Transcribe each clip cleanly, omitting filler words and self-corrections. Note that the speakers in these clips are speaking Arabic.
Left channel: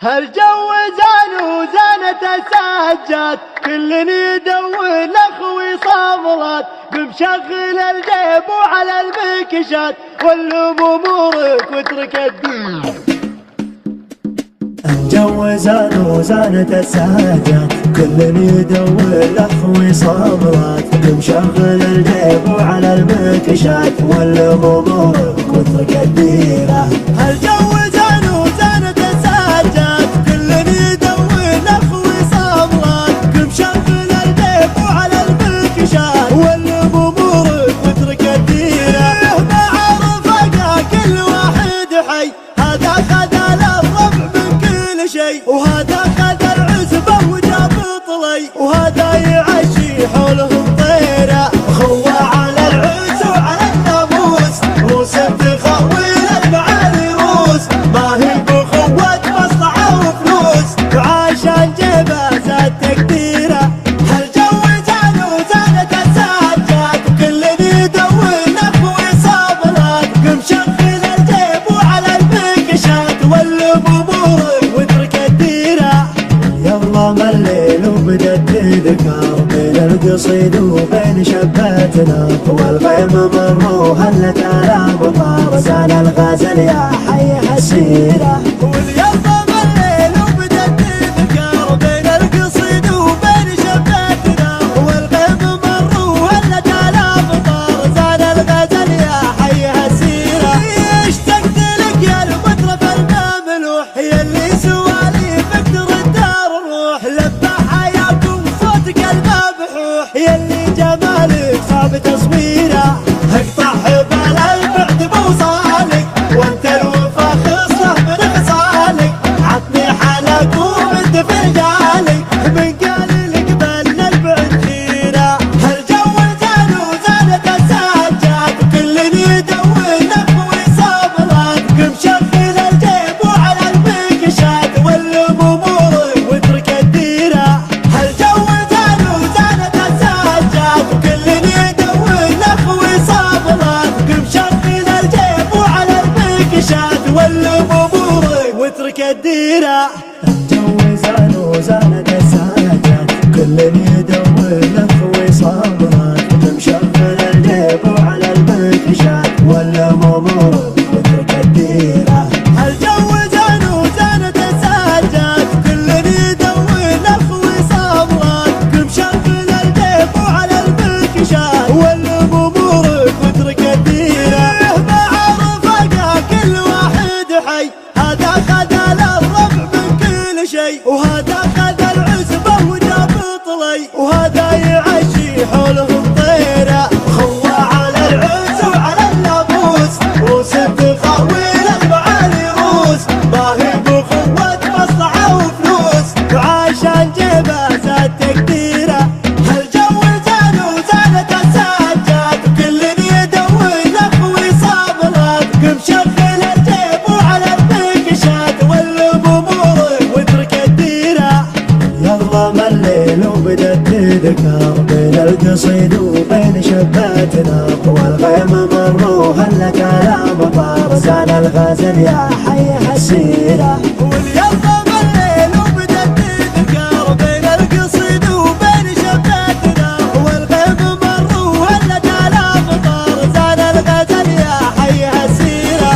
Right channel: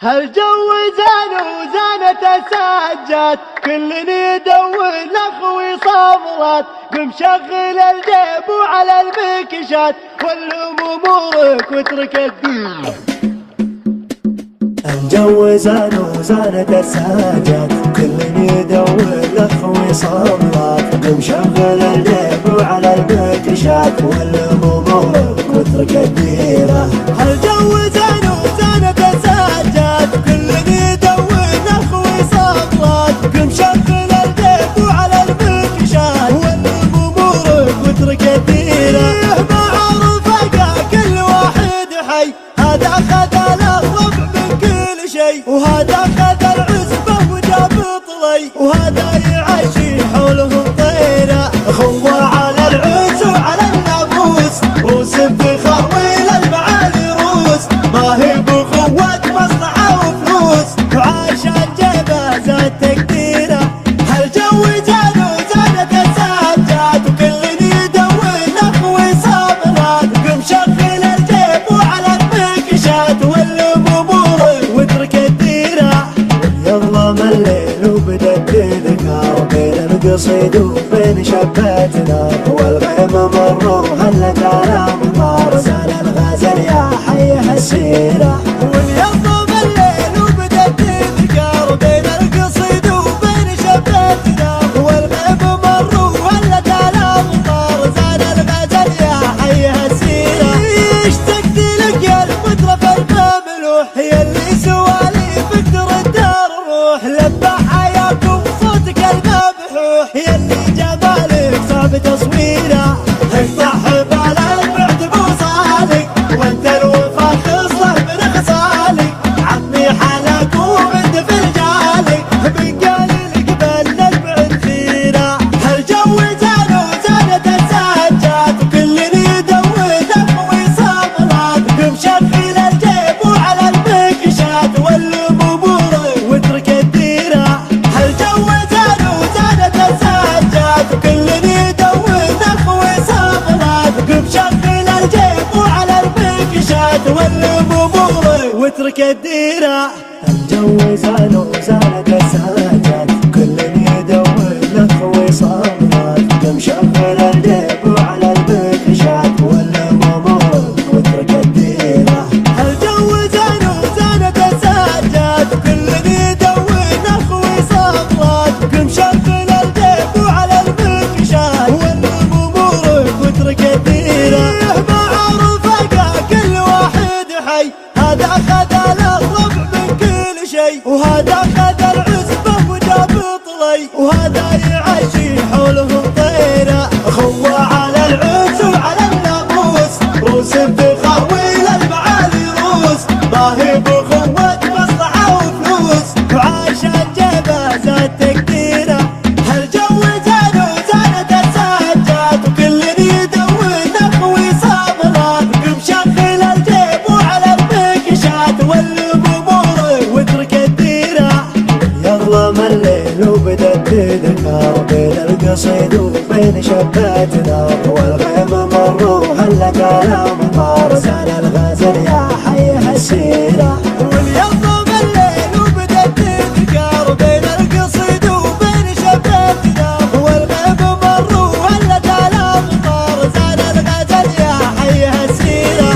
هالجو زان وزانت السجاد، كل يدور لاخوي صاملات، بمشغل الجيب وعلى المكشات، واللم امورك واترك الدين. الجو زان وزانت السجاد، كل يدور لاخوي صاملات، بمشغل الجيب وعلى المكشات، واللم امورك واترك الديره. هالجو زان وزانت السجاد، كل يدور لاخوي صاملات، بمشغل الجيب وعلى المكشات، واللم امورك واترك الديره. ما عرف كل واحد حي، هذا خذ الربع من كل شيء، وهذا خذ العزبه وجاب طلي، وهذا يعشي حولهم طيره. هو على العز وعلى الناموس، وسب خويل اربع رؤوس، ما هي بخوة مصلحه وفلوس، وعشان جيبه زاد تقديره. هالجو زاد وزادت السجاد، كل يدور لاخوي صابرات، بمشغل الجيب وعلى المكشات، واللم امورك واترك الديره. يظلم الليل وبدت تذكر، بين القصيد وبين شبات نار، والغيم مر وهلت على مطار، زال الغزل يا حي السيره. واليظلم الليل وبدت تذكر، بين القصيد وبين شبات نار، والغيم مر وهلت على مطار، زال الغزل يا حي السيره. اشتقت لك يا المطرف المملوح، يا اللي سواليفك ترد الروح، لبى حياكم صوتك المبحوح، يا اللي جمالك صعب تصويره. افتح بال البعد مو صادق، وانت الوفا تصرف بنقصانك، عطني حالك وانت فنجانك، من قال لك بل البعد خيره. هالجو زاد وزادت السجاد، كل يدور لاخوي صابرات، بمشغل الجيب وعلى المكشات، واللم امورك واترك الديره. هالجو زاد وزادت السجاد، كل يدور لاخوي صابرات، بمشغل الجيب وعلى المكشات، واللم امورك واترك الديره. الجو زان وزانت السجاد، كل يدور لاخوي صابرات، بمشغل الجيب وعلى المكشات، واللم امورك واترك الديره. هالجو زان وزانت السجاد، كل يدور لاخوي صاملات، بمشغل الجيب وعلى المكشات، واللم امورك واترك الديره. ما عرف كل واحد حي، هذا خذ الربع من كل شيء، وهذا خذ العزبه وجاب طلي، وهذا يعشي حولهم طيره. هو على العز وعلى الناموس، وسب خويل اربع رؤوس، ما هي بخوة مصلحه وفلوس، وعشان جيبه زاد تقديره. هالجو زاد وزادت السجاد، كل يدور لاخوي صابرات، بمشغل الجيب وعلى المكشات، واللم امورك واترك الديره. يظلم الليل وبدت تذكر، بين القصيد وبين شبات نار، والغيم مر وهلت على مطار، زان الغزل يا حي السيره. واليظلم الليل وبدت تذكر، بين القصيد وبين شبات نار، والغيم مر وهلت على مطار، زان الغزل يا حي السيره.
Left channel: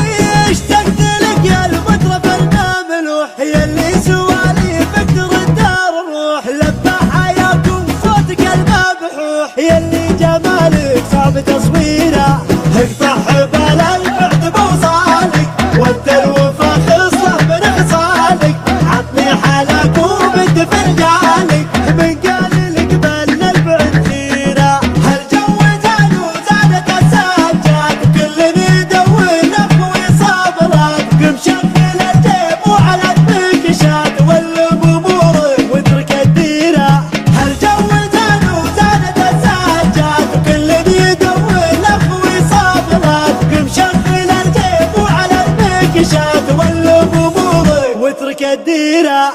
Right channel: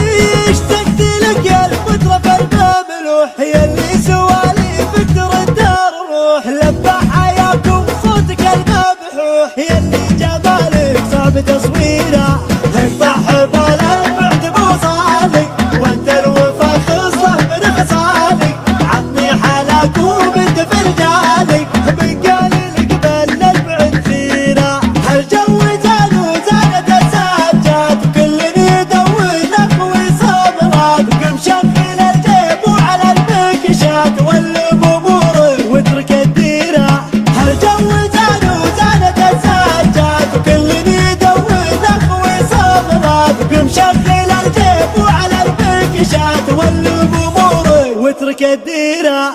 اشتقت لك يا المطرف المملوح، يا اللي سواليفك ترد الروح، لبى حياكم صوتك المبحوح، يا اللي جمالك صعب تصويره. افتح بال البعد مو صادق، وانت الوفا تصرف بنقصانك، عطني حالك وانت فنجانك، من قال لك بل البعد خيره. هالجو زاد وزادت السجاد، كل يدور لاخوي صابرات، بمشغل الجيب وعلى المكشات، واللم امورك واترك الديره. هالجو زاد وزادت السجاد، كل يدور لاخوي صابرات، بمشغل الجيب وعلى المكشات، واللم امورك واترك الديره.